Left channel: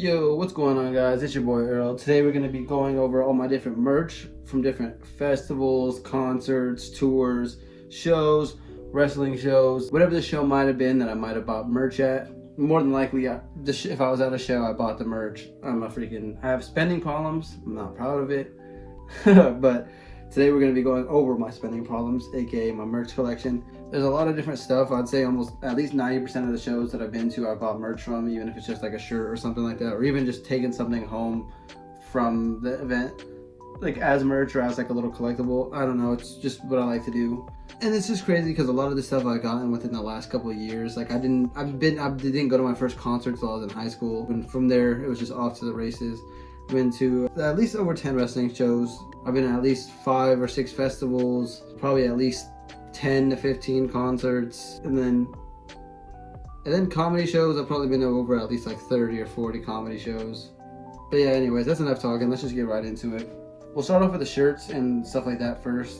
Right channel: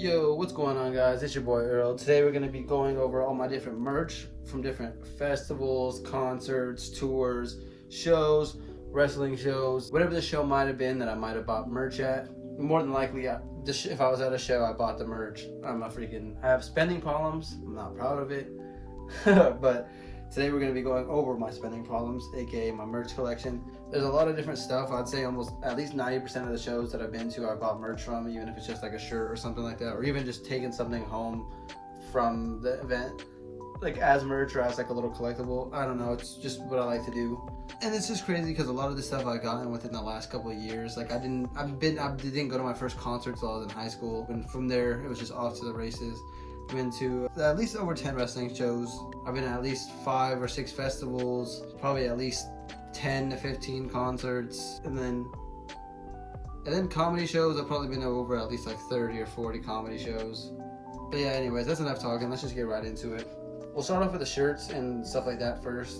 Yo, what's going on, guys? It's your boy Earl. Today we're going to be going over all my different merch from different festivals, concerts, tours, shows, wrestling shows, whatever the show might have been that I might have bought merch at. More than likely, if I was at a show, I bought the merch. I have spending problems. I'm not proud of it. But today we're going to be going over my spending problems, aka my merch collection. There's a lot of different stuff. I'd say almost at least 90% of the shows that I've been to, I bought merch from, even if it's just like a shirt or something like that, or even just taking something home from the event, like as merch or as like a little collectible. I don't know. It's just what I like to do, and it's just crazy because a lot of the stuff I've gotten within the last couple of years, like I didn't go to my first concert until I was in high school, and from there it was just off to the races. I've been to at least over 10 wrestling shows. I've been to at least 5 or 6 festivals, probably at least 10 to 15 concerts, and then comedy shows. I've probably been to over at least like 30 or 40 comedy shows. But yeah, anyways, that's enough talking. Let's just get right into it. We'll start off with the shirts and stuff like that first,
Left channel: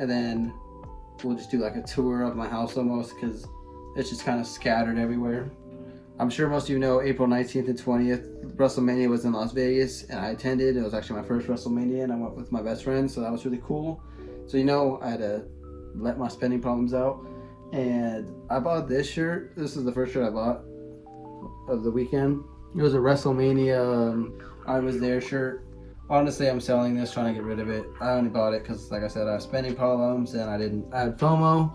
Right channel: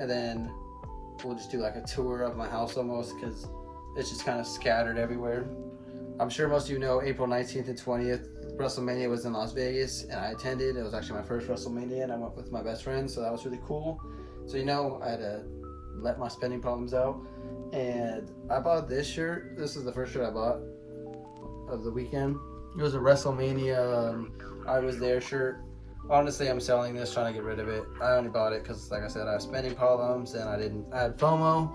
and then we'll just do like a tour of my house almost, because it's just kind of scattered everywhere. I'm sure most of you know April 19th and 20th, WrestleMania was in Las Vegas, and I attended. It was actually my first WrestleMania, and I went with my best friend, so that was really cool. So I had to let my spending problems out, and I bought this shirt. This is the first shirt I bought of the weekend. It was a WrestleMania I was there shirt. Honestly, I'm selling this, trying to get rid of it. I only bought it because, like I said, I have spending problems and I had FOMO.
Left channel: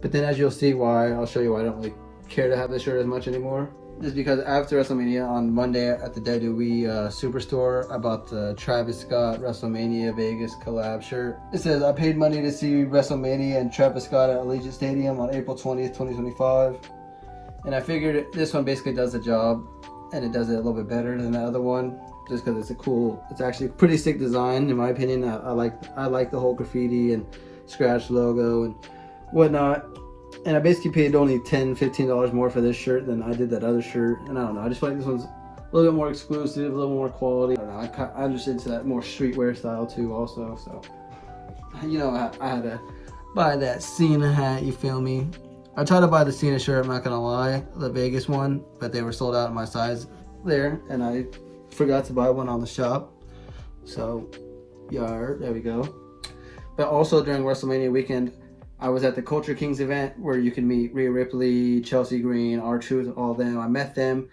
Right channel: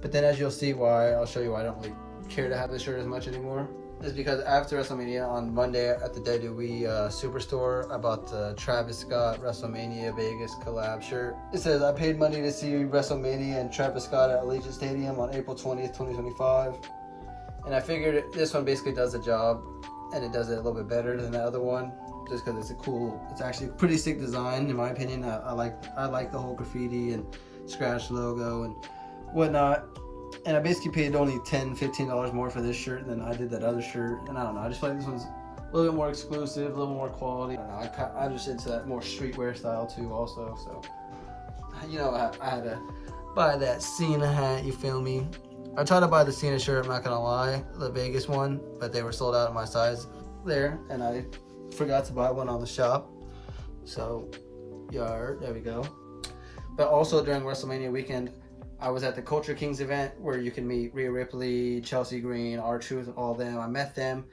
But then, as you'll see why, I'll show you why I don't really care to have this shirt as much anymore. Just because after WrestleMania on Monday at the WWE Superstore, I bought the Travis Scott WrestleMania Vegas collab shirt. It says, I paid money to see WrestleMania and Travis Scott at Allegiant Stadium on April 20th, 2025. And I figured this one basically does the job, and it does it a little bit better than the other one, just because it's actually a pretty sick design in my opinion. I like the whole graffiti and scratch logo and whatnot. And I basically paid only $10, $15 more for this shirt than I did that other shirt. And I don't know, I just feel like this one's a little bit more exclusive, a little more quality. I don't know, I'm just into that more streetwear style too also. So, I had to buy that Cena hat, you feel me? I tried to buy the Cena shirt, I'm not gonna lie, the Vegas one, but they were sold out of my size there, and I forgot to buy one on the shop. So, there we go. But also during WrestleMania weekend, I was at the Culture Kings event where you can meet Rhea Ripley, Chelsea Green, R-Truth, all of them. I met them,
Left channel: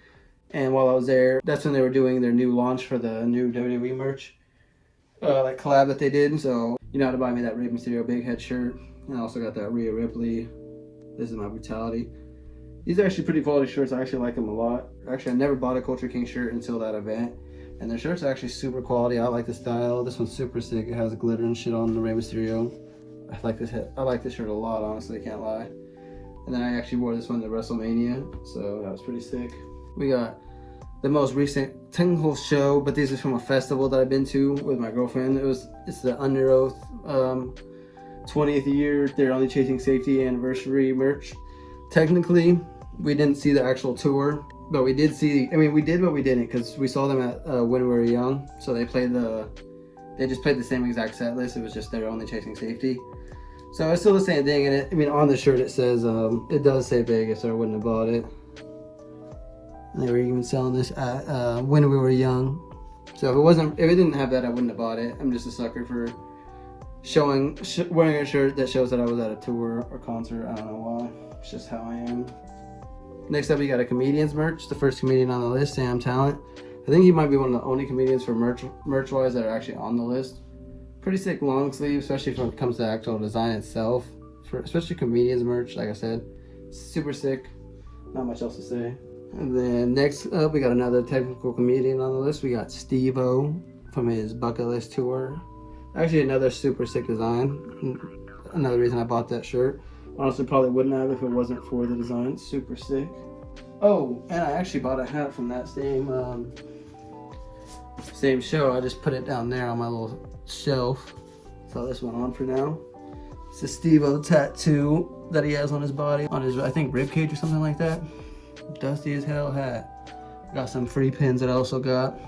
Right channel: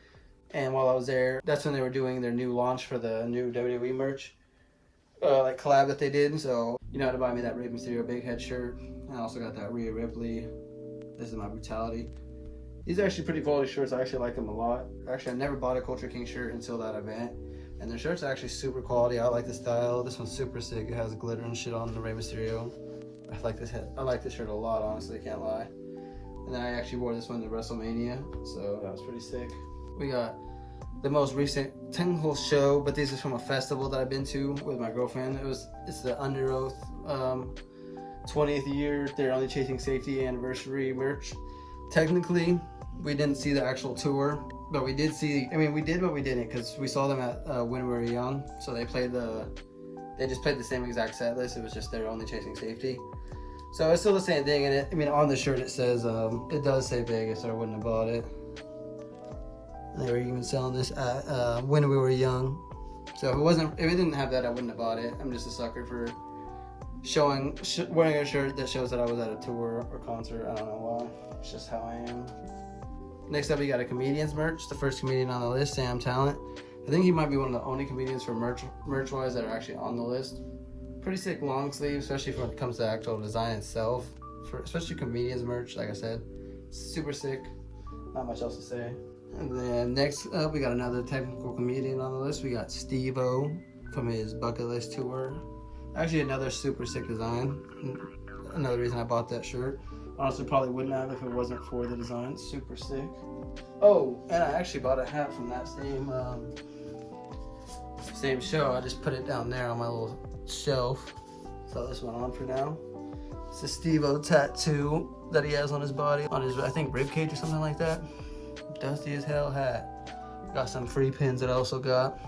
and while I was there, that's when they were doing their new launch for the new WWE merch, like collab that they did. So you know how to buy me that Rey Mysterio big head shirt, and I also got that Rhea Ripley. This is my brutality. These are actually pretty quality shirts. I actually like them a lot. Actually, I never bought a Culture King shirt until that event, and their shirts are actually super quality. I like the style. This one's super sick. It has glitter and shit on the Rey Mysterio. I like this shirt a lot, honestly, I can't lie. And then I actually wore this one to WrestleMania, so that was pretty sick. We got the most recent technical show, but this is from a festival that I've been to with my girlfriend. It's the Under Oath 20th year, They're Only Chasing Safety anniversary merch. Technically, we didn't see the actual tour, but we did see, we did, but we didn't, because we saw them at When We Were Young, so they just played the same exact set list. It was just They're Only Chasing Safety. So it's still the same thing, and on the shirt it says, it does say Vegas, or I wouldn't have bought it. And they were even selling this at When We Were Young. So if it didn't have that, I wouldn't have bought it. I'm just a sucker for wearing a shirt that shows that I was at a tour or concert. I don't know why. It's just how I am. Next up, we got a comedian's merch. The first comedian on the list, Sam Talent. I think he might be one of the only comedians for merch-wise that are actually on the list. Pretty sick long sleeve, especially when it comes to the actual design itself. Especially comedians merch, like I said. Super sick. Not much else to say. And then next up, we got another technical comedian on the list. We got Steve-O from his Bucket List tour. Actually, another super sick design. Another reason I bought that shirt. Honestly, probably wouldn't have if it wasn't for the design. Super sick. Oh, and I actually bought a hat from that same show. I just put it down there on my little shelf. Throw this one on for now. It's a Steve-O tattoo that he has on his body, on his, I think, ribcage or something like that. Dusty as hell hat. Got some free pins that I also got.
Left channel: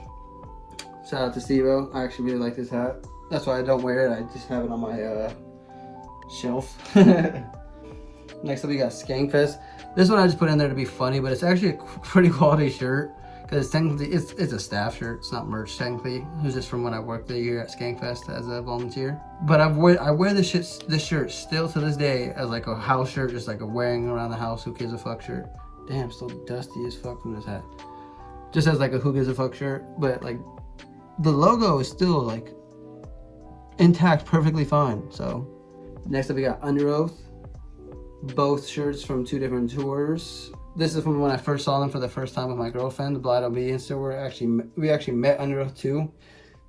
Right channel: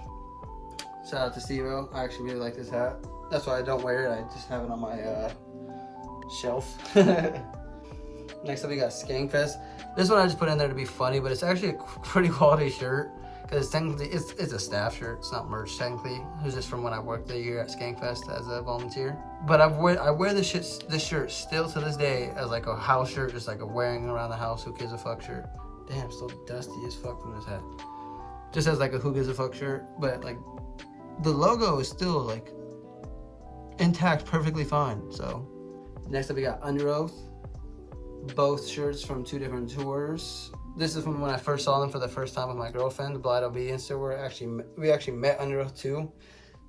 Shout out to Steve-O. I actually really like this hat. That's why I don't wear it. I just have it on my shelf. Next up, we got Skankfest. This one I just put in there to be funny, but it's actually a pretty quality shirt. Because technically, it's a staff shirt. It's not merch technically. It was just from when I worked there here at Skankfest as a volunteer. But I wear this shirt still to this day as like a house shirt, just like a wearing around the house, who gives a fuck shirt. Damn, still dusty as fuck from this hat. Just as like a who gives a fuck shirt, but like the logo is still like intact, perfectly fine. So next up we got Underoath. Both shirts from 2 different tours. This is from when I first saw them for the first time with my girlfriend, the Blind Obedience tour. We actually met Underoath 2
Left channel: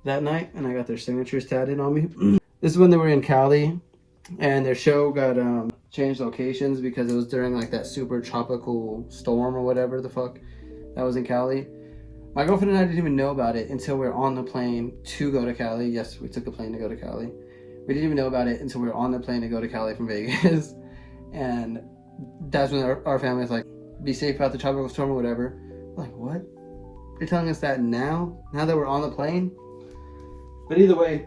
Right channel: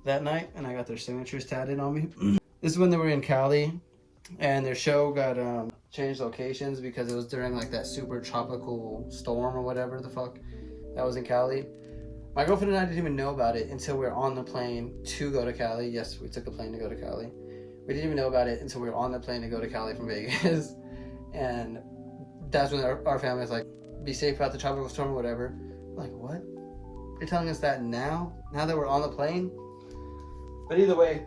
that night, and I got their signatures tatted on me. This is when they were in Cali, and their show got changed locations because it was during like that super tropical storm or whatever the fuck that was in Cali. My girlfriend and I didn't even know about it until we were on the plane to go to Cali. Yes, we took a plane to go to Cali. We didn't even know about it until we were on the plane to go to Cali from Vegas. And that's when our family was like, be safe about the tropical storm or whatever. Like, what? You're telling us that now? Now that we're on the plane? But either way,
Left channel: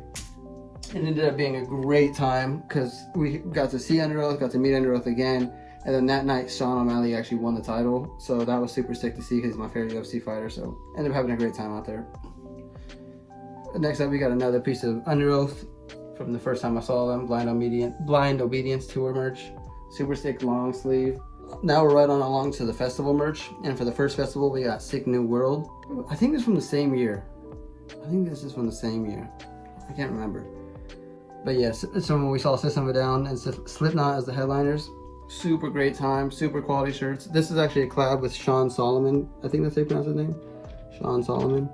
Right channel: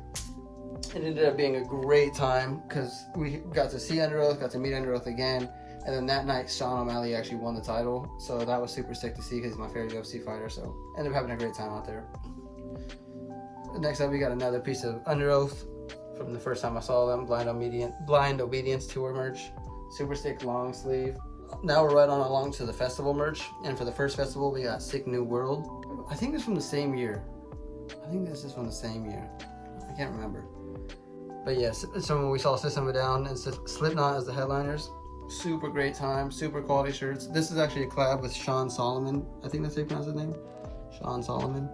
it ended up being a great time because we got to see Underoath, got to meet Underoath again. And then that night, Sean O'Malley actually won the title. So that was super sick to see because he's my favorite UFC fighter. So ended up having a great time out there. Next up, we got another piece of Underoath from the first time I saw them. Blind Obedience tour merch. Super sick long sleeve. Now we're right on along to the festival merch. And for the first festival, we got Sick New World. I think it's from the same year. I can't remember. But yes, so when we saw System of a Down and Slipknot as the headliners, super great time, super quality shirts. This is actually a collab with Sean Solomon. I think that's how you pronounce his name. Sean Solomon.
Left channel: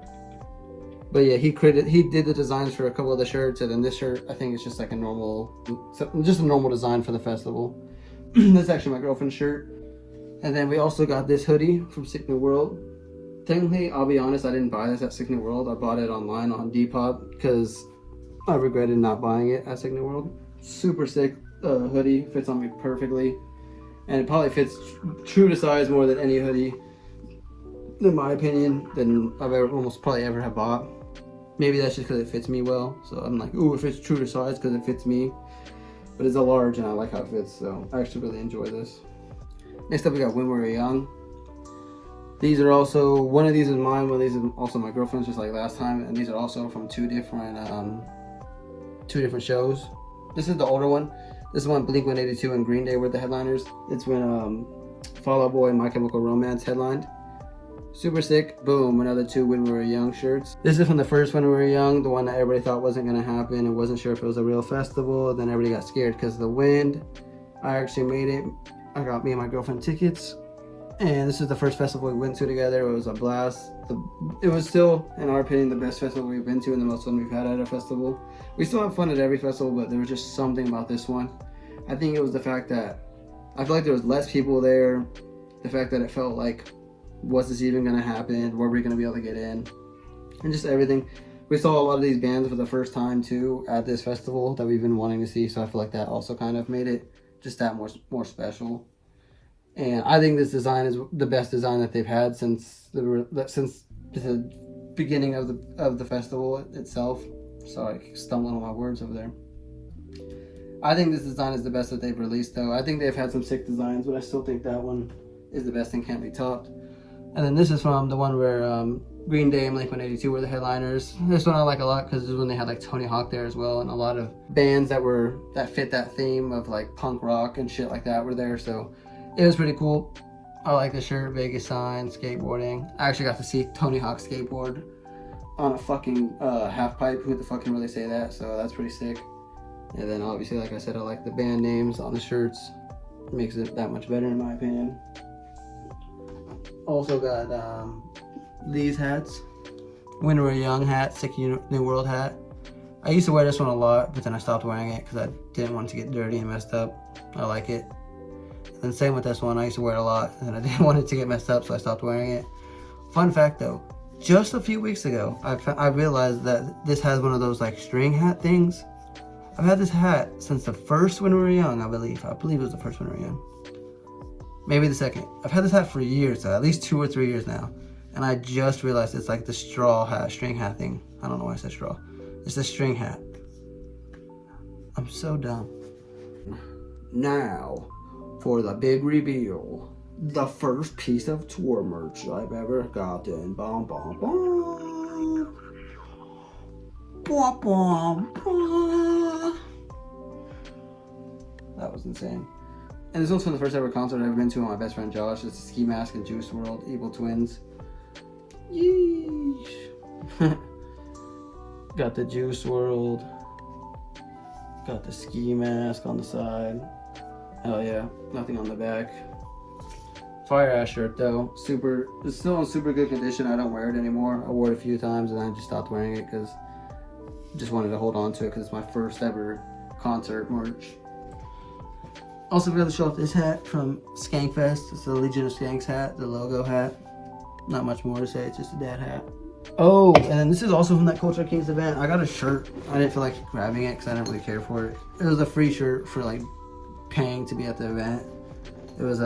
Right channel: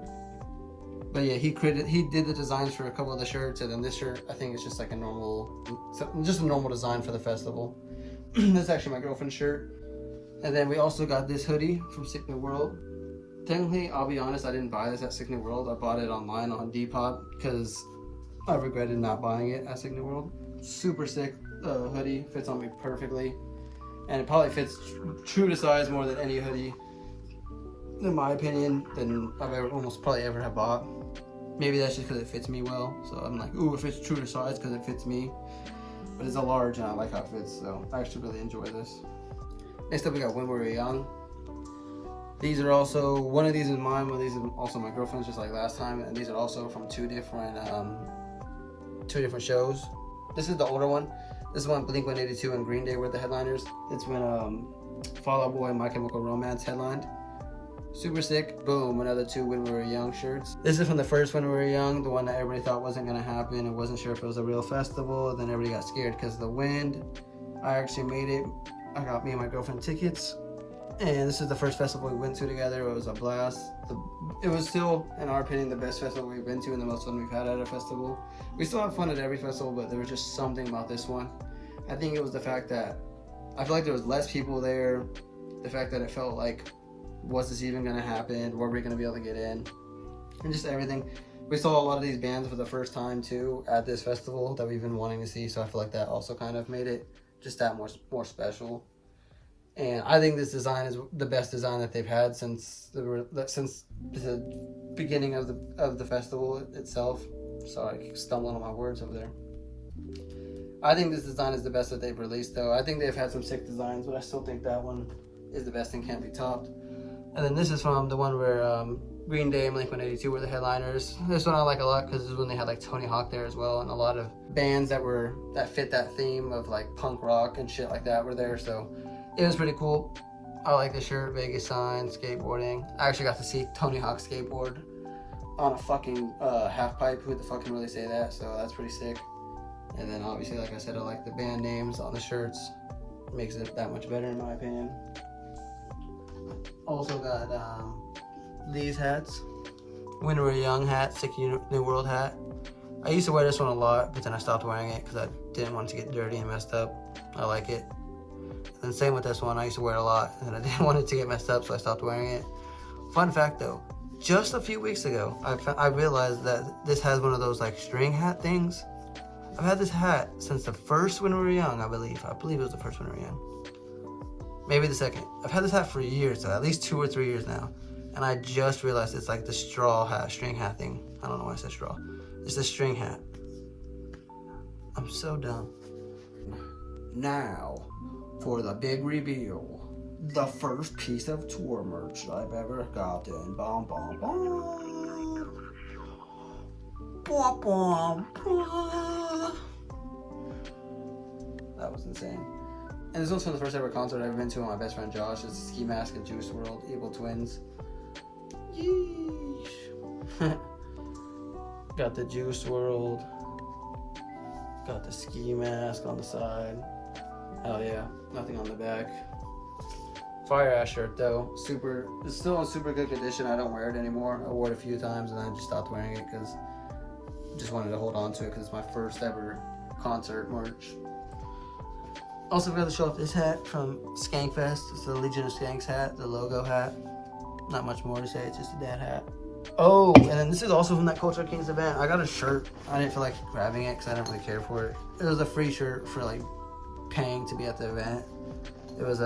But yeah, he did the designs for a couple of the shirts, and then this shirt, I think it's just like a normal design for the festival. This is actually my girlfriend's shirt. And then we also got this hoodie from Sick New World. Technically, I'll be honest, I didn't buy this at Sick New World. I bought it online on Depop because I regretted not buying it at Sick New World. Super sick hoodie, fits on me perfectly. And it probably fits true to size more than any hoodie, in my opinion, than I've probably ever have bought. Maybe that's just because it fits me well. So I'm like, ooh, it fits true to size because it fits me. But it's a large and I like how it fits, so I actually really enjoy this. Next up we got When We Were Young. These are also, one of these is mine, one of these is also my girlfriend's, just like last time. And these are also from two different shows. This is the older one. This is when Blink-182 and Green Day were the headliners. It's when Fall Out Boy and My Chemical Romance headlined. Super sick. Boom, another 2 When We Were Young shirts. This is from the first When We Were Young, the one that everybody thought wasn't gonna happen and wasn't sure if it was a real festival. Then everybody got scared because of the wind. I actually made it. I got me and my girlfriend tickets. And this is the first festival we went to together. It was a blast. It was still, in our opinion, the best festival we've been to and the most fun we've had at a festival. We still have fun at every festival, but there was just something about this one. I think it was the fact that I feel like there was less people there. The fact that it felt like, was this even gonna happen? Were we gonna be able to get in? And just everything. We saw a lot of these bands for the first time too at this festival that we've been wanting to see. So I feel like that also kind of made it just that more special. And I think this design is the best design that they've had since the beginning of the festival itself. Sorry, I stumbled on my words over there. I think this design is the best that they've released though. I think they've had some sick designs, but I still think that one is the best and can't be topped. And then this is from the one where Green Day and Blink-182 were the headliners. This one I like a lot because this is when they had like Tony Hawk there as well, and a lot of bands that fit that theme of like punk rock and shit like that were there. So it was pretty cool. I like the shirt, Vegas sign, skateboarding. I actually got to see Tony Hawk skateboard on a fucking half pipe. Who the fuck can really say that? So that's pretty sick. And then obviously, like I said, I like the band names on the shirts. It makes it that much better in my opinion. Also got these hats. When We Were Young hat, Sick New World hat. I used to wear this one a lot, but then I stopped wearing it because I didn't want it to get dirty and messed up. I like it. And same with this one, I used to wear it a lot, and I didn't want it to get messed up, so I stopped wearing it. Fun fact though, just a few weeks ago, I realized that this has one of those like string hat things. I've had this hat since the first When We Were Young, I believe. I believe it was the first When We Were Young. Maybe the second. I've had this hat for years, though, at least 2 or 3 years now. And I just realized it's like the straw hat, string hat thing. I don't know why I said straw. It's the string hat. I'm so dumb. Now, for the big reveal. the first piece of tour merch I've ever gotten. Bum, bum, bum. Bum, bum, bum. That was insane. And it's also the first ever concert I've ever been to with my best friend Josh. It's Ski Mask and Juice WRLD, Evil Twins. Yeesh. Got the Juice WRLD. Got the Ski Mask on the side. Oh yeah, nothing on the back. Fire ass shirt though. It's still in super good condition. I don't wear it anymore. I wore it a few times and then I just stopped wearing it because I just wanted to hold on to it because it's my first ever concert merch. Also forgot to show off this hat from Skankfest. It's the Legion of Skanks hat, the logo hat. Not much more to say, it's just a dad hat. Oh, and then this is also from that Culture Kings event. I got a shirt. I didn't feel like grabbing it because I didn't really care for it. It was a free shirt for like paying to be at the event. It was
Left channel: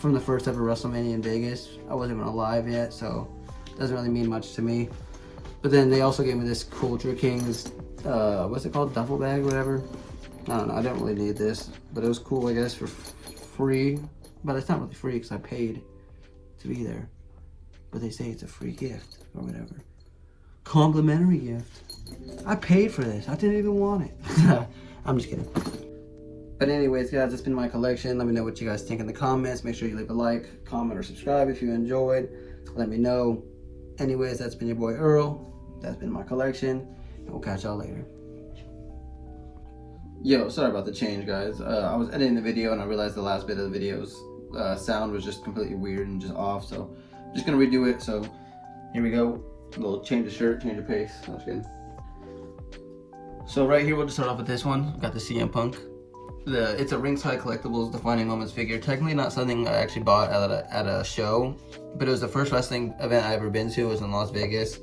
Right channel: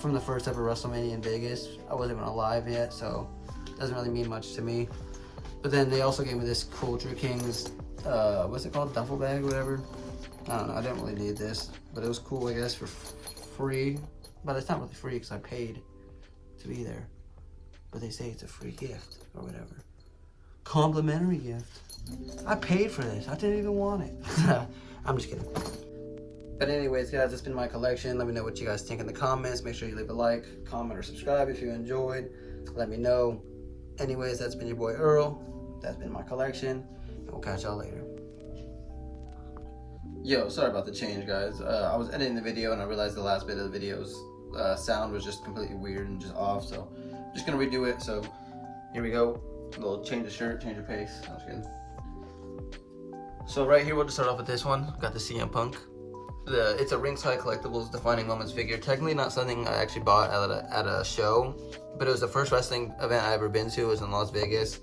from the first ever WrestleMania in Vegas. I wasn't even alive yet, so it doesn't really mean much to me. But then they also gave me this Culture Kings, what's it called, duffel bag, whatever. I don't know, I didn't really need this, but it was cool, I guess, for free. But it's not really free because I paid to be there. But they say it's a free gift or whatever. Complimentary gift. I paid for this. I didn't even want it. I'm just kidding. But anyways, guys, that's been my collection. Let me know what you guys think in the comments. Make sure you leave a like, comment, or subscribe if you enjoyed. Let me know. Anyways, that's been your boy Earl. That's been my collection. And we'll catch y'all later. Yo, sorry about the change, guys. I was editing the video and I realized the last bit of the video's sound was just completely weird and just off. So I'm just gonna redo it. So here we go. A little change of shirt, change of pace. I'm just kidding. So right here, we'll just start off with this one. Got the CM Punk. It's a Ringside Collectibles Defining Moments figure. Technically not something I actually bought at a show, but it was the first wrestling event I ever been to. It was in Las Vegas.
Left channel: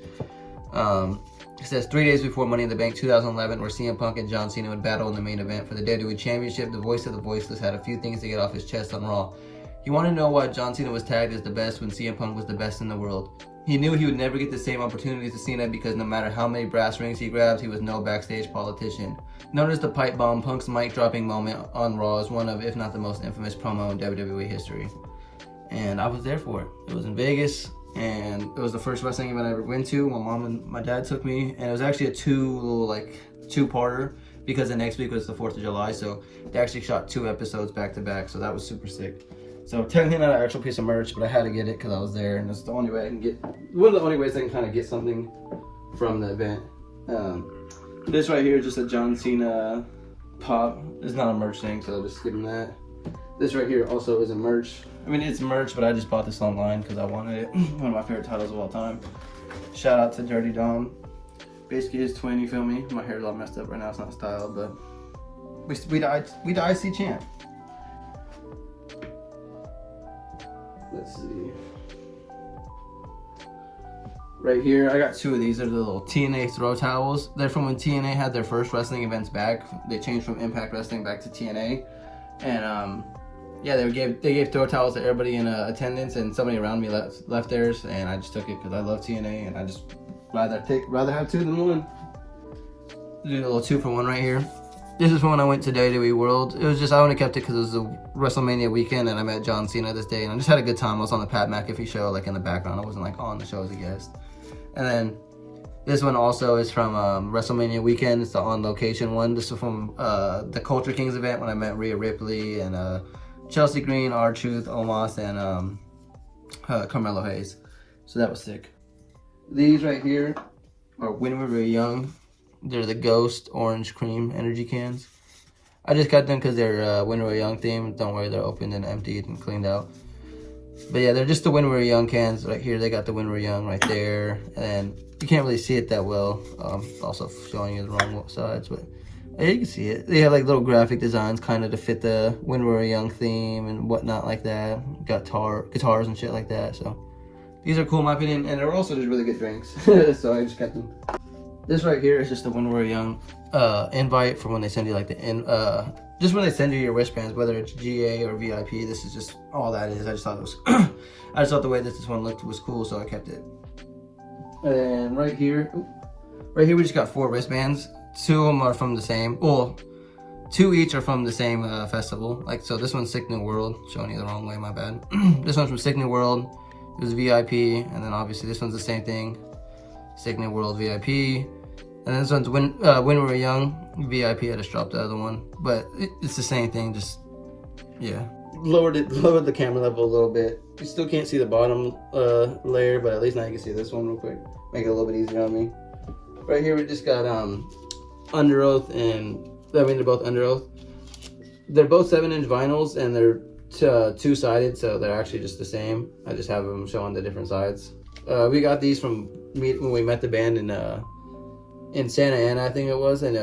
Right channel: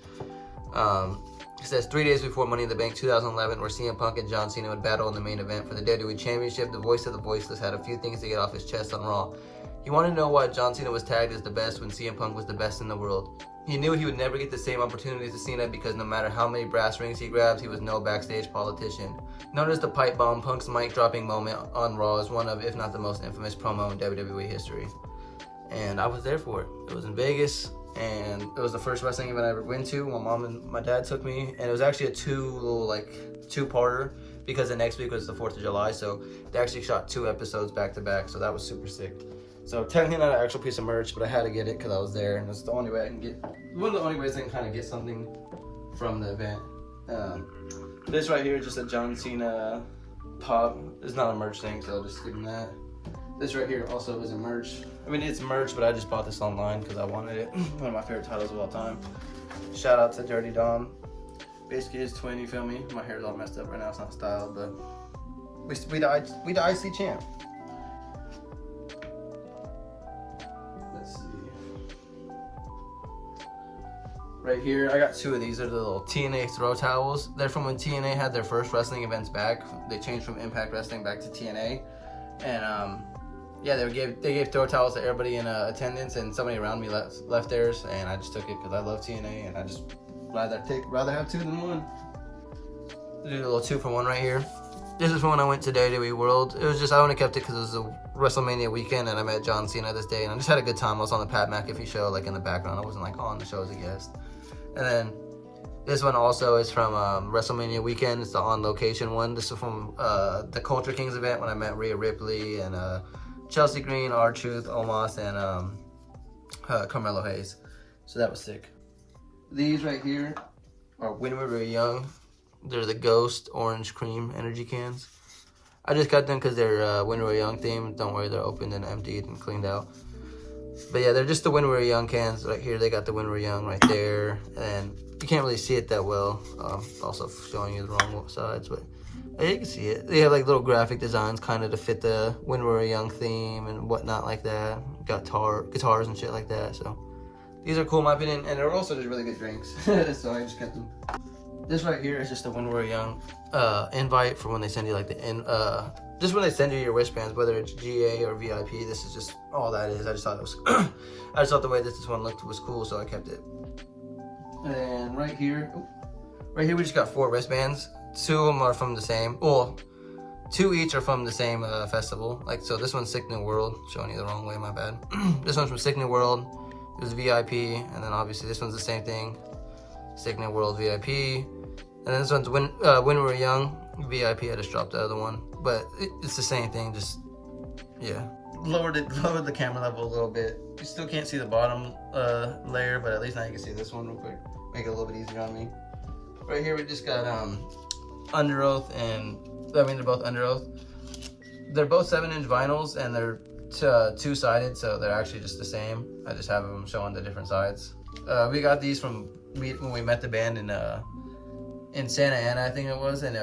It says 3 days before Money in the Bank 2011, where CM Punk and John Cena would battle in the main event for the WWE Championship. The voice of the voiceless had a few things to get off his chest on Raw. He wanted to know why John Cena was tagged as the best when CM Punk was the best in the world. He knew he would never get the same opportunities as Cena because no matter how many brass rings he grabbed, he was no backstage politician. Known as the pipe bomb, Punk's mic dropping moment on Raw is one of, if not the most infamous promo in WWE history. And I was there for it. It was in Vegas, and it was the first wrestling event I ever went to. My mom and my dad took me, and it was actually a two-parter because the next week was the 4th of July, so they actually shot 2 episodes back to back, so that was super sick. So technically not an actual piece of merch, but I had to get it because I was there, and that's the only way I can get, one of the only ways I can kind of get something from the event. This right here is just a John Cena pop. It's not a merch thing, so I'll just skip that. This right here also isn't merch. I mean, it's merch, but I just bought this online because I wanted it. One of my favorite titles of all time. Shout out to Dirty Dom. Basically his twin, you feel me? My hair's all messed up right now, it's not styled, but we the IC champ. Let's see. Right here, I got 2 of these. They're the little TNA throw towels. They're from when TNA had their first wrestling events back. They changed from Impact Wrestling back to TNA. And yeah, they gave throw towels to everybody in attendance, and somebody around me left theirs, and I just took it because I love TNA, and I just rather have 2 than 1. Do a little 2-for-1 right here. This is from when I went to WWE World. It was just, I only kept it because it was a WrestleMania weekend and I met John Cena this day and I just had a good time. I was on the Pat McAfee show, like in the background. I wasn't like on the show as a guest. And then this one also is from WrestleMania weekend. It's the on location one. This is from the Culture Kings event when I met Rhea Ripley and Chelsea Green, R-Truth, Omos, and Carmelo Hayes. So that was sick. These right here are When We Were Young. They're the Ghost Orange Cream energy cans. I just got them because they're When We Were Young themed. Don't worry, they're opened and emptied and cleaned out. But yeah, they're just the When We Were Young cans right here. They got the When We Were Young right there. And you can't really see it that well. Also showing you the wrong sides, but you can see it. They have like little graphic designs kind of to fit the When We Were Young theme and whatnot like that. Got guitars and shit like that. So these are cool in my opinion. And they're also just really good drinks. So I just got them. This right here is just the When We Were Young invite for when they send you like just when they send you your wristbands, whether it's GA or VIP. This is just all that is. I just thought it was I just thought the way that this one looked was cool, so I kept it. And right here we just got 4 wristbands. 2 of them are from the same. Well, 2 each are from the same festival. Like, so this one's Sick New World, showing you the wrong way, my bad. This one's from Sick New World, it was VIP, and then obviously this one's the same thing, Sick New World VIP, and then this one's When We Were Young VIP. I just dropped the other one, but it's the same thing, just, yeah. Lowered the camera level a little bit. You still can't see the bottom layer, but at least now you can see this one real quick. Make it a little bit easier on me. Right here we just got Underoath, and I mean they're both Underoath. They're both 7-inch vinyls, and they're two-sided, so they're actually just the same. I just have them showing the different sides. We got these from when we met the band in Santa Ana, I think it was, and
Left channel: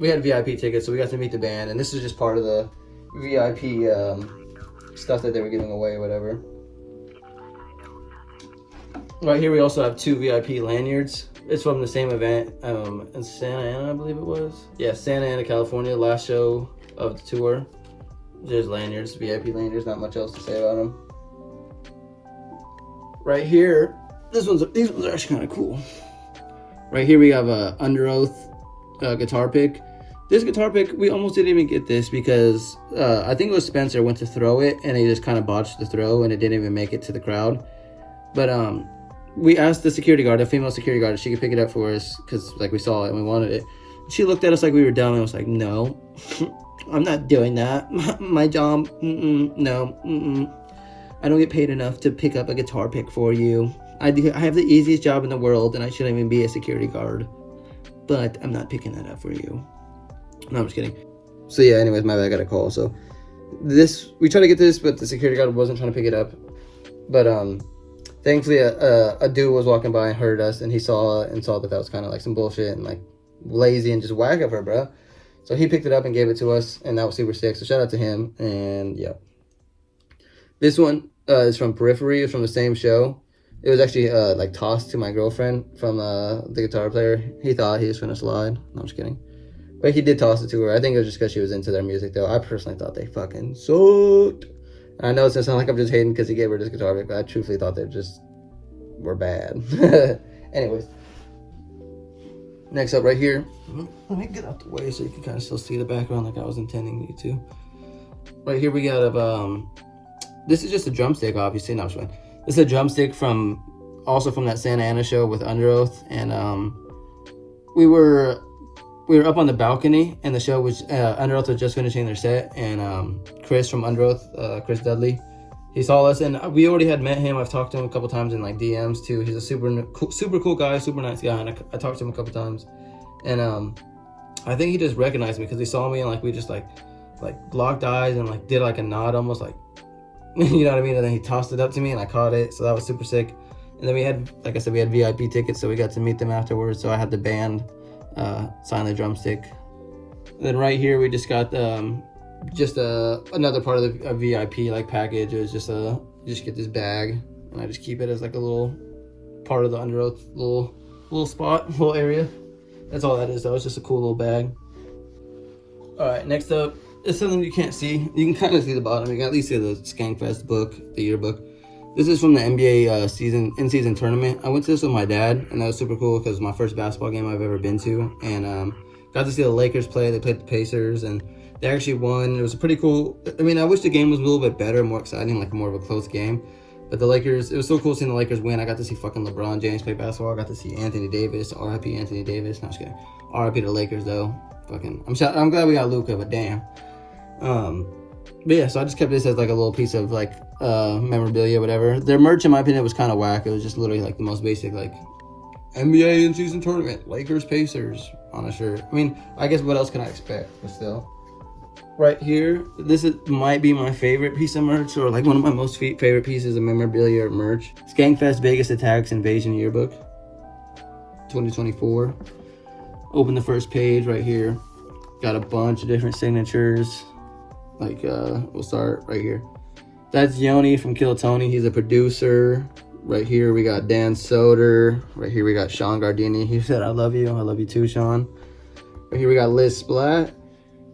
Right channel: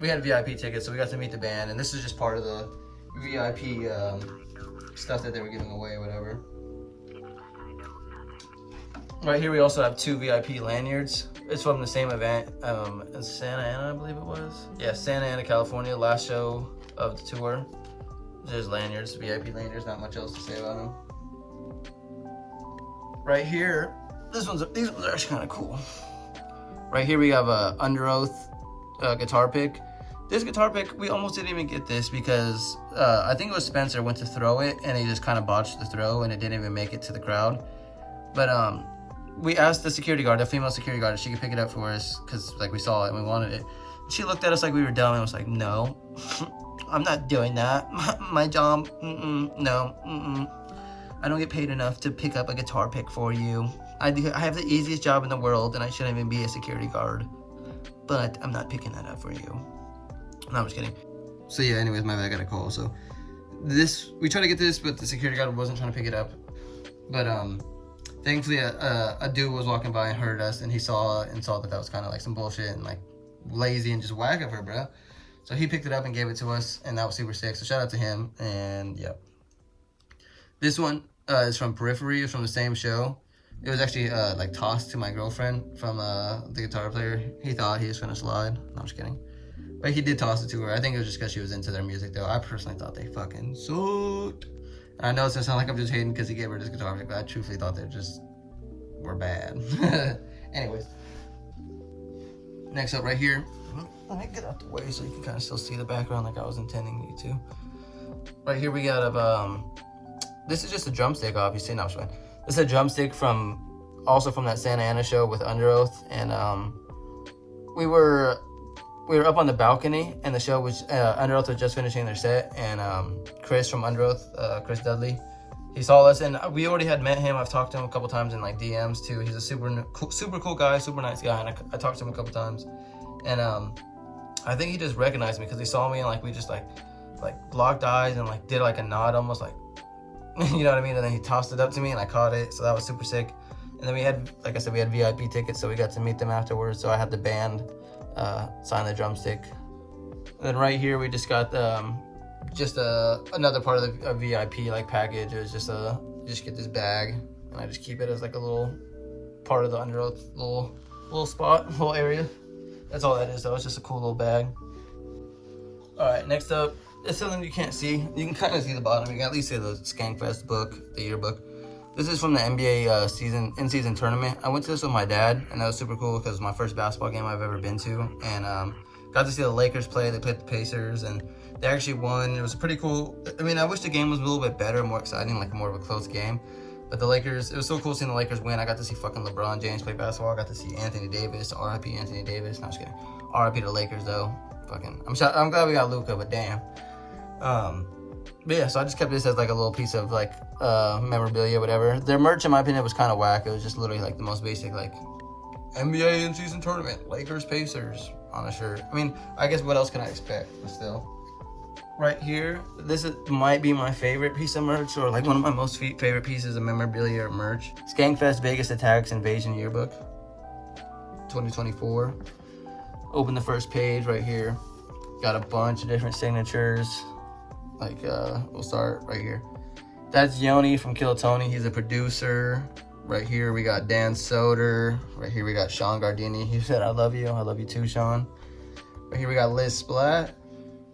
we had VIP tickets, so we got to meet the band, and this is just part of the VIP stuff that they were giving away, whatever. Right here we also have 2 VIP lanyards. It's from the same event in Santa Ana, I believe it was. Yeah, Santa Ana, California, last show of the tour. There's lanyards, VIP lanyards, not much else to say about them. Right here, these ones are actually kind of cool. Right here we have a Underoath guitar pick. This guitar pick, we almost didn't even get this because I think it was Spencer went to throw it and he just kind of botched the throw and it didn't even make it to the crowd. But we asked the security guard, a female security guard, if she could pick it up for us because like we saw it and we wanted it. She looked at us like we were dumb and was like, no, I'm not doing that. My job, no. I don't get paid enough to pick up a guitar pick for you. I have the easiest job in the world and I shouldn't even be a security guard. But I'm not picking that up for you. No, I'm just kidding. So yeah, anyways, my bad, I got a call. So we tried to get this, but the security guard wasn't trying to pick it up. But thankfully a dude was walking by and heard us, and he saw that was kind of like some bullshit and like lazy and just whack of her, bro. So he picked it up and gave it to us, and that was super sick. So shout out to him. And yeah, this one is from Periphery. It's from the same show. It was actually like tossed to my girlfriend from the guitar player. He thought he was gonna slide. No, I'm just kidding. But he did toss it to her. I think it was just because she was into their music, though. I personally thought they fucking sucked. And I know it's gonna sound like I'm just hating because he gave her this guitar pick, but I truthfully thought they just were bad. Anyways. Next up right here. Let me get out the way so you can kind of still see the background like I was intending you to. Right here we got this is just a drumstick, obviously. No, I'm just kidding. This is a drumstick also from that Santa Ana show with Underoath. And we were up on the balcony, and the show was Underoath was just finishing their set, and Chris from Underoath, Chris Dudley, he saw us, and we already had met him. I've talked to him a couple times in like DMs too. He's a super cool guy, super nice guy, and I talked to him a couple times, and I think he just recognized me because he saw me and like we just like locked eyes and like did like a nod, almost like you know what I mean. And then he tossed it up to me and I caught it, so that was super sick. And then we had, like I said, we had VIP tickets, so we got to meet them afterwards. So I had the band sign the drumstick. Then right here we just got just another part of the VIP like package. It was just just get this bag, and I just keep it as like a little part of the Underoath little spot, little area. That's all that is though. It's just a cool little bag. All right, next up is something you can't see. You can kind of see the bottom. You can at least see the Skankfest book, the yearbook. This is from the NBA in-season tournament. I went to this with my dad, and that was super cool because it was my first basketball game I've ever been to. And got to see the Lakers play. They played the Pacers, and they actually won. It was a pretty cool. I mean, I wish the game was a little bit better, more exciting, like more of a close game. But the Lakers, it was so cool seeing the Lakers win. I got to see fucking LeBron James play basketball. I got to see Anthony Davis, R.I.P. Anthony Davis. No, I'm just kidding. R.I.P. the Lakers, though. Fucking, I'm glad we got Luka, but damn. But yeah, so I just kept this as like a little piece of like memorabilia, whatever. Their merch, in my opinion, was kind of whack. It was just literally like the most basic, like NBA in-season tournament, Lakers, Pacers on a shirt. I mean, I guess what else can I expect? But still, right here, might be my favorite piece of merch, or like one of my most favorite pieces of memorabilia or merch. Skankfest Vegas Attacks Invasion Yearbook, 2024. Open the first page right here. Got a bunch of different signatures. Like, we'll start right here. That's Yoni from Kill Tony. He's a producer. Right here we got Dan Soder. Right here we got Sean Gardini. He said, I love you. I love you too, Sean. Right here we got Liz Splat.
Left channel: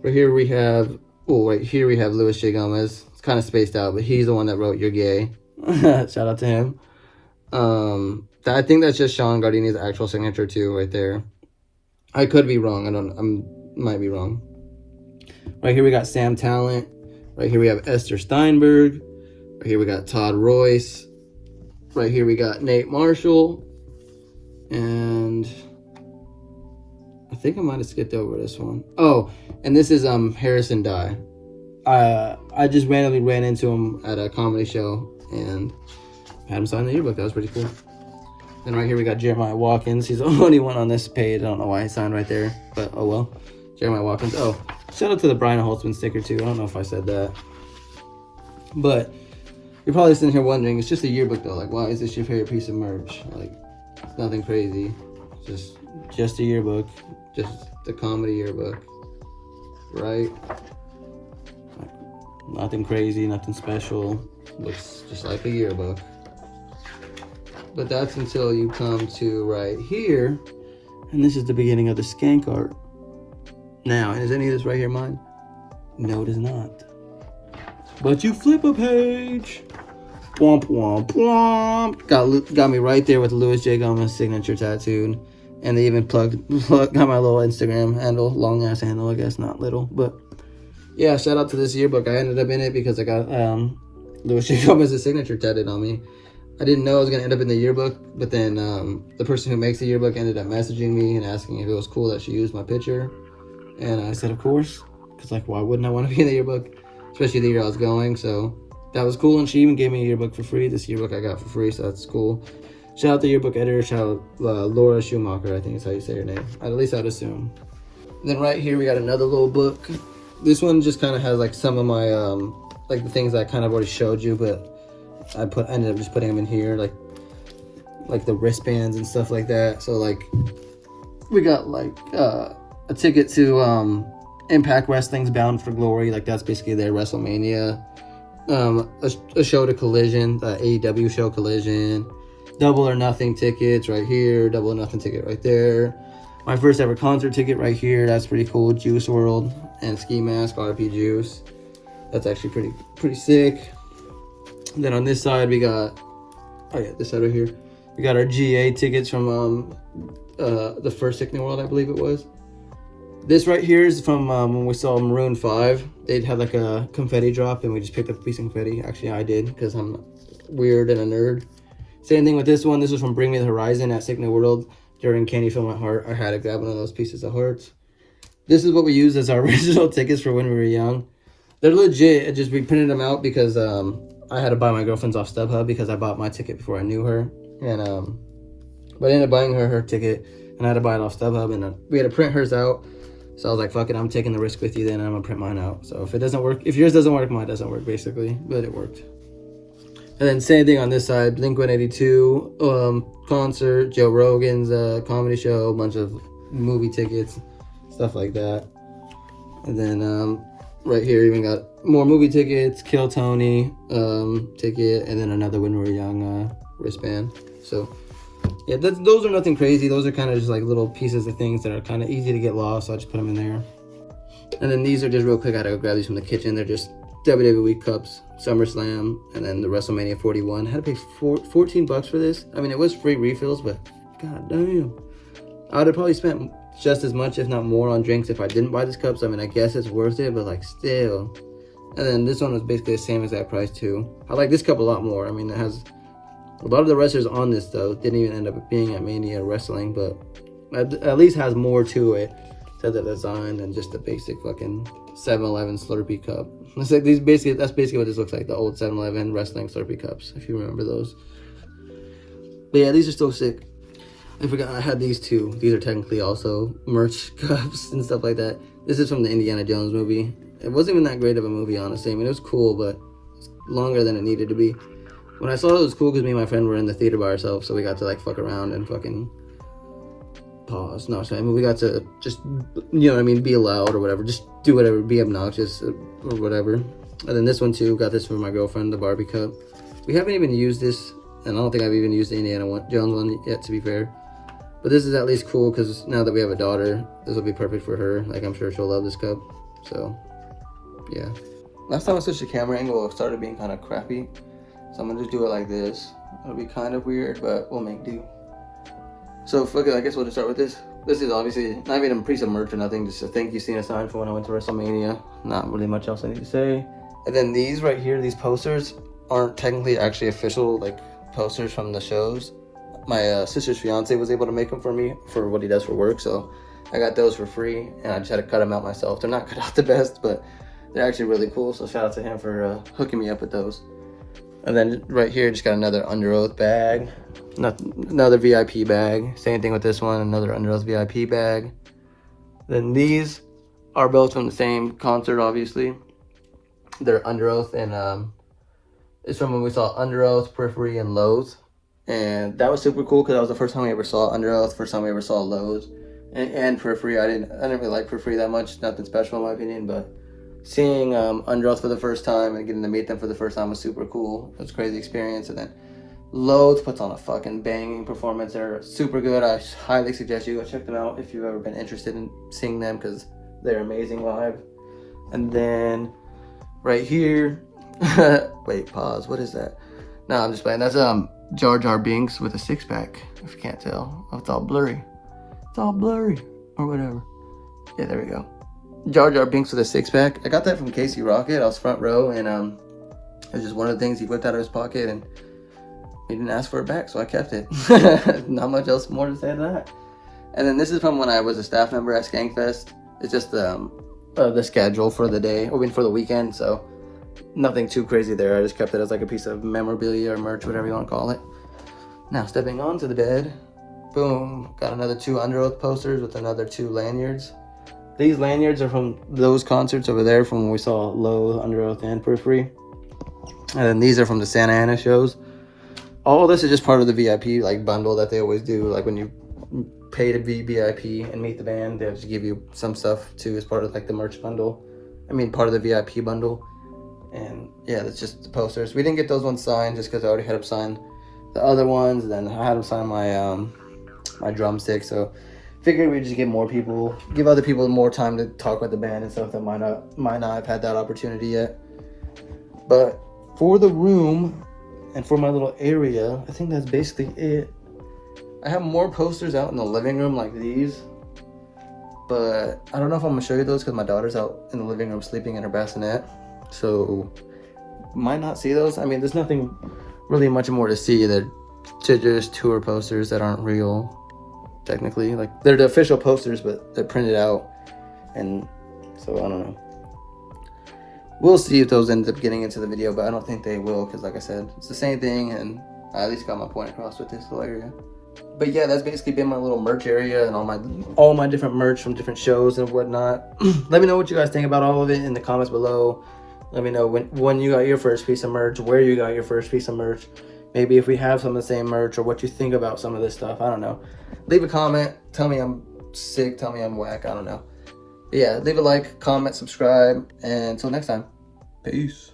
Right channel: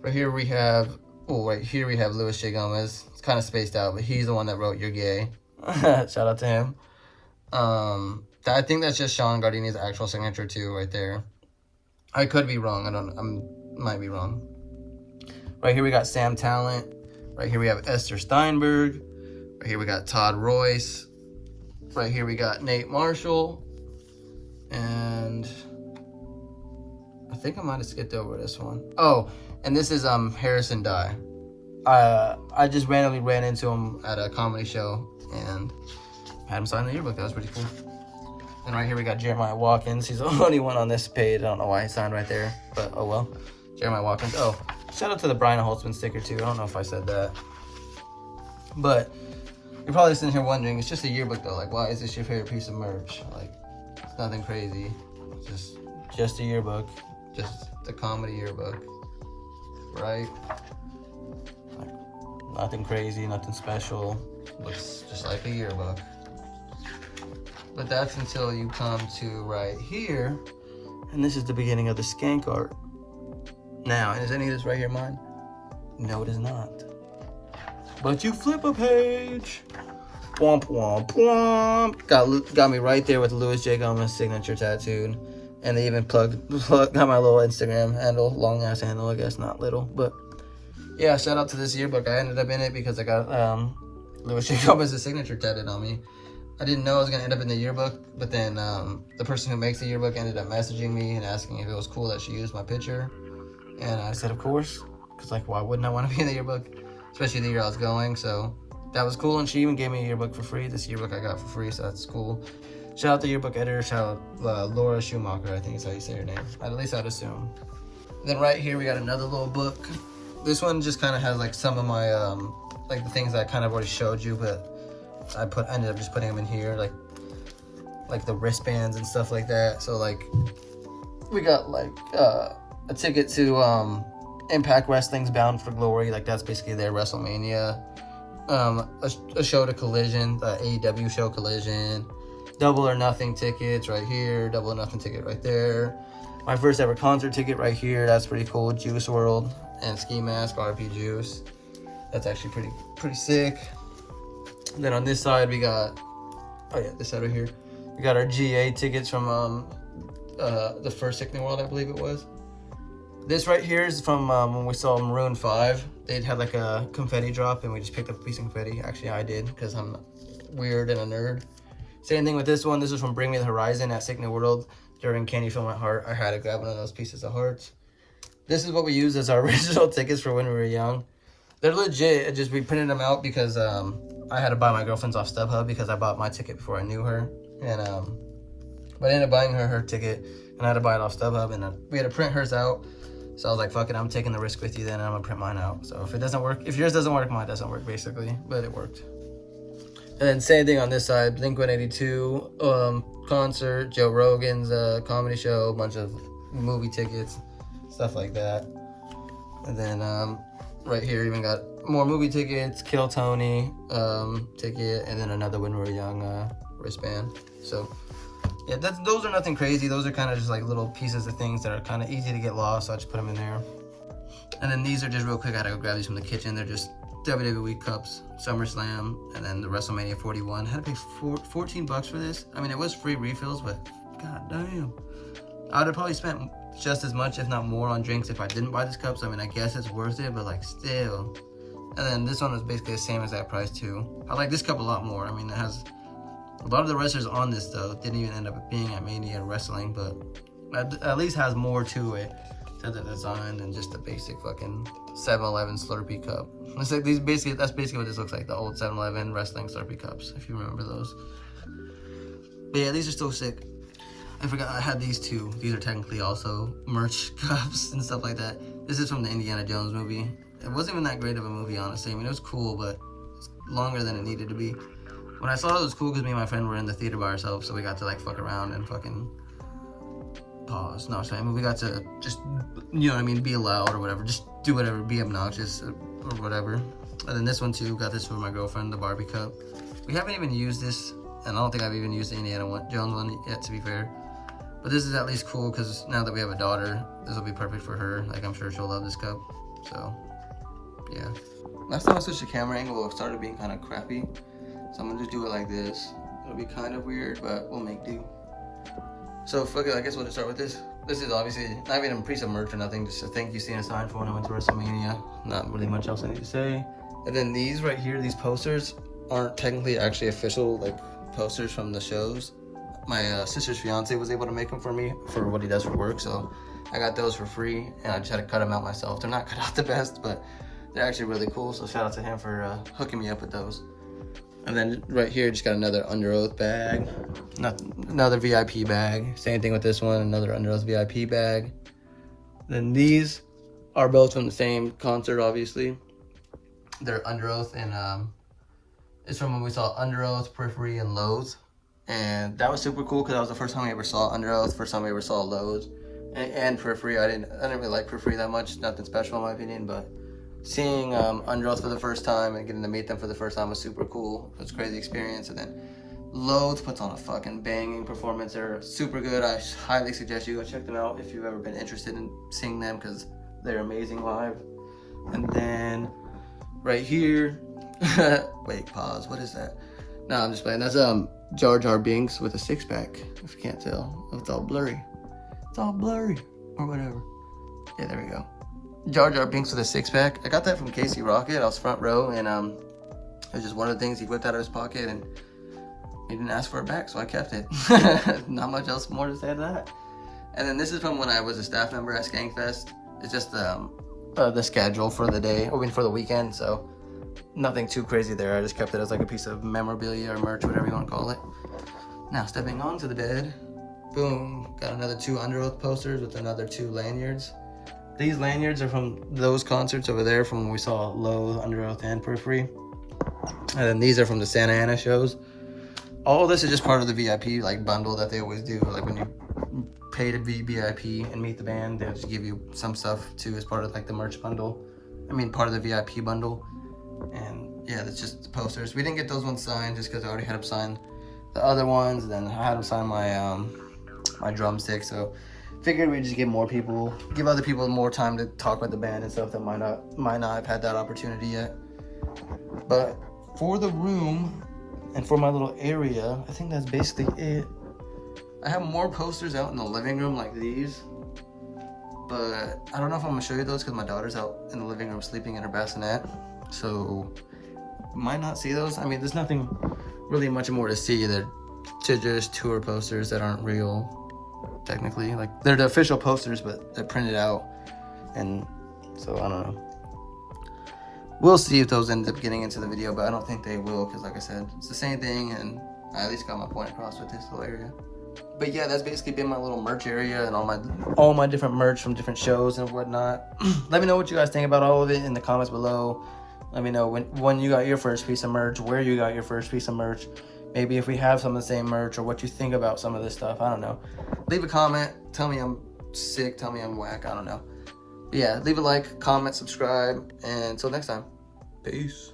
Right here we have, right here we have Louis J. Gomez. It's kind of spaced out, but he's the one that wrote You're Gay. Shout out to him. I think that's just Sean Gardini's actual signature too, right there. I could be wrong. I might be wrong. Right here we got Sam Talent. Right here we have Esther Steinberg. Right here we got Todd Royce. Right here we got Nate Marshall. And I think I might have skipped over this one. Oh, and this is Harrison Dye. I just randomly ran into him at a comedy show and had him sign the yearbook. That was pretty cool. And right here we got Jeremiah Watkins. He's the only one on this page. I don't know why he signed right there, but oh well. Jeremiah Watkins. Oh, shout out to the Brian Holtzman sticker too. I don't know if I said that. But you're probably sitting here wondering, it's just a yearbook though. Like, why is this your favorite piece of merch? Like, it's nothing crazy. It's just a yearbook. Just the comedy yearbook. Right? Nothing crazy, nothing special. Looks just like a yearbook. But that's until you come to right here. And this is the beginning of the skank art. Now, is any of this right here mine? No, it is not. But you flip a page. Womp, womp, womp. Got me right there with Louis J. Gomez signature tattooed. And they even got my little Instagram handle. Long ass handle, I guess, not little. But yeah, shout out to this yearbook. I ended up in it because I got Louis J. Gomez's signature tattooed on me. I didn't know I was going to end up in the yearbook, but then the person who makes the yearbook ended up messaging me and asking if it was cool that she used my picture. And I said, of course, because like, why wouldn't I want to be in the yearbook, especially the year I was going? So that was cool, and she even gave me a yearbook for free. This yearbook I got for free, so that's cool. Shout out the yearbook editor, shout out Laura Schumacher, I think is how you say her name. At least I'd assume. Then right here we got another little book. This one just kind of has like some of my, like the things that I kind of already showed you, but I ended up just putting them in here, like the wristbands and stuff like that. So like, we got like a ticket to Impact Wrestling's Bound for Glory. Like that's basically their WrestleMania. A show to Collision, the AEW show Collision. Double or Nothing tickets right here. Double or Nothing ticket right there. My first ever concert ticket right here. That's pretty cool. Juice WRLD and Ski Mask, RP Juice. That's actually pretty sick. And then on this side we got, oh yeah, this side right here, we got our GA tickets from the first Sick New World, I believe it was. This right here is from when we saw Maroon 5. They had like a confetti drop and we just picked up a piece of confetti. Actually, I did because I'm weird and a nerd. Same thing with this one. This was from Bring Me the Horizon at Sick New World. During Can You Feel My Heart, I had to grab one of those pieces of hearts. This is what we used as our original tickets for when we were young. They're legit. We printed them out because I had to buy my girlfriend's off StubHub because I bought my ticket before I knew her. And but I ended up buying her ticket and I had to buy it off StubHub, and we had to print hers out. So I was like, fuck it, I'm taking the risk with you then, and I'm gonna print mine out. So if it doesn't work, if yours doesn't work, mine doesn't work basically, but it worked. And then same thing on this side, Blink-182 concert, Joe Rogan's comedy show, a bunch of movie tickets, stuff like that. And then right here even got more movie tickets, Kill Tony ticket, and then another When We Were Young wristband. So yeah, those are nothing crazy. Those are kind of just like little pieces of things that are kind of easy to get lost, so I just put them in there. And then these are just real quick, I had to go grab these from the kitchen. They're just WWE Cups, SummerSlam, and then the WrestleMania 41. I had to pay $14 for this. I mean, it was free refills, but god damn. I would have probably spent just as much, if not more, on drinks if I didn't buy these cups. I mean, I guess it's worth it, but like still. And then this one was basically the same as that price too. I like this cup a lot more. I mean, it has a lot of the wrestlers on this though. Didn't even end up being at Mania Wrestling, but at least has more to it to the design than just the basic fucking 7-Eleven Slurpee cup. That's basically what this looks like, the old 7-Eleven wrestling Slurpee cups, if you remember those. But yeah, these are still sick. I forgot I had these too. These are technically also merch cups and stuff like that. This is from the Indiana Jones movie. It wasn't even that great of a movie, honestly. I mean, it was cool, but it's longer than it needed to be. When I saw it, it was cool because me and my friend were in the theater by ourselves, so we got to like fuck around and fucking pause. No, sorry. I mean, we got to just, you know what I mean, be loud or whatever. Just do whatever, be obnoxious or whatever. And then this one too, got this from my girlfriend, the Barbie cup. We haven't even used this, and I don't think I've even used the Indiana Jones one yet, to be fair. But this is at least cool because now that we have a daughter, this will be perfect for her. Like, I'm sure she'll love this cup. So, yeah. Last time I switched the camera angle, it started being kind of crappy. So I'm gonna just do it like this. It'll be kind of weird, but we'll make do. So fuck it, I guess we'll just start with this. This is obviously not even a piece of merch or nothing, just a thank you scene sign for when I went to WrestleMania. Not really much else I need to say. And then these right here, these posters aren't technically actually official like posters from the shows. My sister's fiance was able to make them for me for what he does for work, so I got those for free, and I just had to cut them out myself. They're not cut out the best, but they're actually really cool, so shout out to him for hooking me up with those. And then right here, just got another Under Oath bag, another VIP bag. Same thing with this one, another Under Oath VIP bag. Then these are both from the same concert, obviously. They're Under Oath, and it's from when we saw Under Oath, Periphery, and Loathe. And that was super cool because that was the first time we ever saw Under Oath, first time we ever saw Loathe. And Periphery. I didn't really like Periphery that much, nothing special in my opinion, but seeing Under Oath for the first time and getting to meet them for the first time was super cool. It was a crazy experience. And then Loathe puts on a fucking banging performance. They're super good. I highly suggest you go check them out if you've ever been interested in seeing them because they're amazing live. And then right here, wait, pause. What is that? No, I'm just playing. That's Jar Jar Binks with a six-pack. If you can't tell, it's all blurry. It's all blurry or whatever. Yeah, there we go. Jar Jar Binks with a six-pack. I got that from Casey Rocket. I was front row, and it was just one of the things he whipped out of his pocket, and he didn't ask for it back, so I kept it. Not much else more to say to that. And then this is from when I was a staff member at Skankfest. It's just the schedule for the day, I mean for the weekend, so nothing too crazy there. I just kept it as like a piece of memorabilia or merch, whatever you want to call it. Now stepping onto the bed, boom, got another 2 Under Oath posters with another 2 lanyards. These lanyards are from those concerts over there from when we saw Loathe, Under Oath, and Periphery. And then these are from the Santa Ana shows. All this is just part of the VIP like bundle that they always do. Like when you pay to be VIP and meet the band, they'll just give you some stuff too as part of like the merch bundle. I mean part of the VIP bundle. And yeah, that's just the posters. We didn't get those ones signed just because I already had them sign the other ones. And then I had them sign my my drumstick. So figured we'd just give more people, give other people more time to talk with the band and stuff that might not have had that opportunity yet. But for the room and for my little area, I think that's basically it. I have more posters out in the living room like these, but I don't know if I'm gonna show you those because my daughter's out in the living room sleeping in her bassinet, so might not see those. I mean, there's nothing really much more to see. They're just tour posters that aren't real. Technically, like they're the official posters, but they're printed out, and so I don't know. We'll see if those end up getting into the video, but I don't think they will because, like I said, it's the same thing, and I at least got my point across with this little area. But yeah, that's basically been my little merch area and all my different merch from different shows and whatnot. Let me know what you guys think about all of it in the comments below. Let me know when you got your first piece of merch, where you got your first piece of merch. Maybe if we have some of the same merch or what you think about some of this stuff. I don't know. Leave a comment. Tell me I'm sick. Tell me I'm whack. I don't know. But yeah, leave a like, comment, subscribe. And until next time, peace.